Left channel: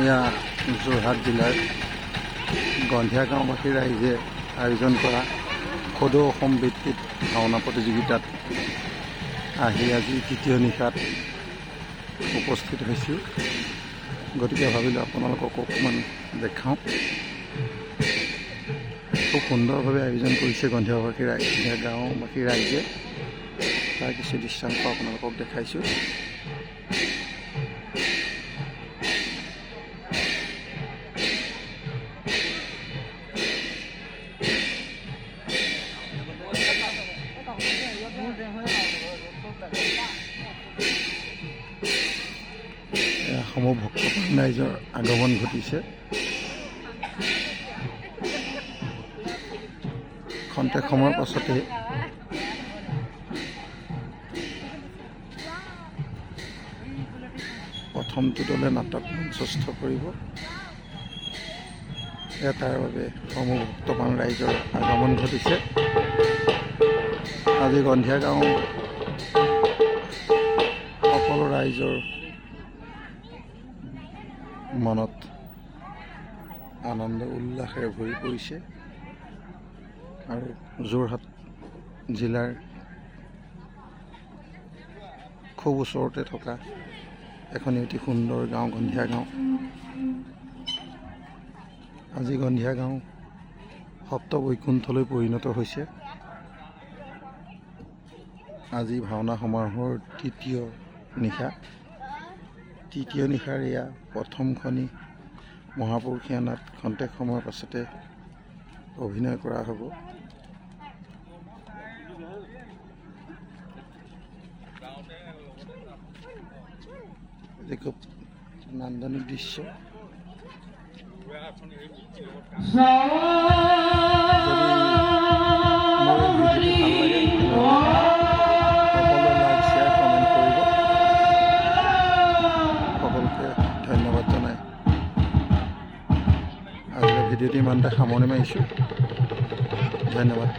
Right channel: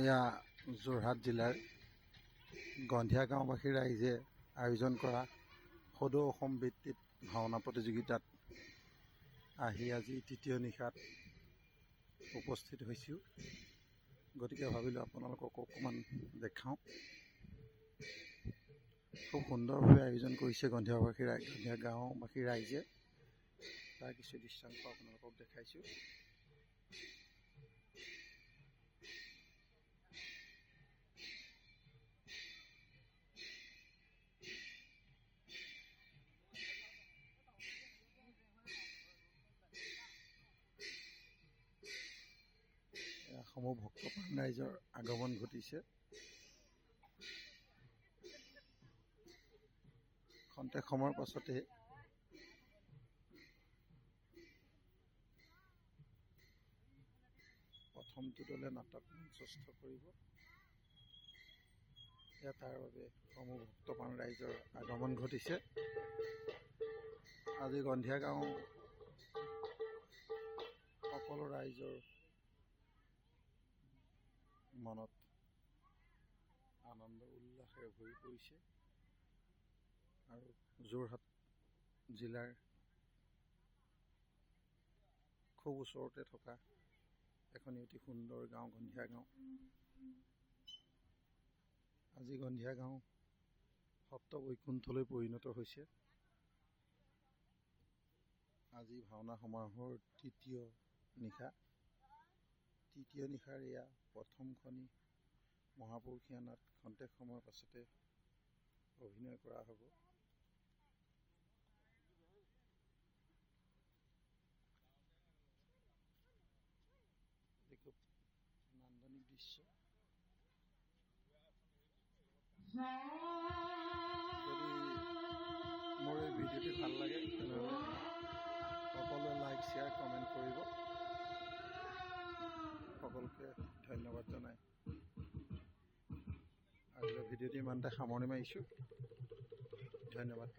এয়া যোৰহাট জিলাৰ গন্ধিয়া গাঁওবাসীৰ ৰাইজে আয়োজন কৰা সদৌ অসম ভিত্তিক ভাওনা প্ৰতিযোগিতাত আহি আজি তৃতীয় নিশাত উপস্থিত হৈছোঁ। গতিকে ভাবিলোঁ আপোনালোকক অকণমান দেখাওঁ। খুব সুন্দৰভাৱে আয়োজন কৰিছে গন্ধিয়া গাঁওবাসীৰ ৰাইজে। তাৰ কিছু দৃশ্যাংশ আপোনালোকক দেখাইছোঁ। সমূহ ভক্তপ্ৰাণ ৰাইজৰ আগমন ঘটিছে। খন্তেক সময়ৰ পাছতে প্ৰথমটো দলে নাটক মঞ্চস্থ কৰিব। তাৰ বাবে সমূহ ভক্তপ্ৰাণ ৰাইজৰ আগমন ঘটিছে। আজি গন্ধিয়া গাঁও সকলো ৰাইজৰ মনত আনন্দ উল্লাসেৰে ভৰি পৰিছে আৰু যোৰহাট জিলাৰ খুব ওচৰতে থকা এখন অতি সুন্দৰ গাঁও গন্ধিয়া গাঁও। আজি গন্ধিয়া গাঁও সপ্ত বৈকুণ্ঠলৈ পৰিণত হৈছে। আজি ভাওনা সমাৰোহৰ তৃতীয় নিশাৰ এয়া প্ৰথমখনি মহাপুৰুষীয়া নাট। খন্তেক সময়ৰ পাছতে অভিনয় কৰা হ'ব। খুব নান্দনিক দৃশ্য। ধন্যবাদ জনাই আজিৰ ভিডিঅ'টি ইমানতে সামৰণি মাৰিছোঁ। ধন্যবাদ।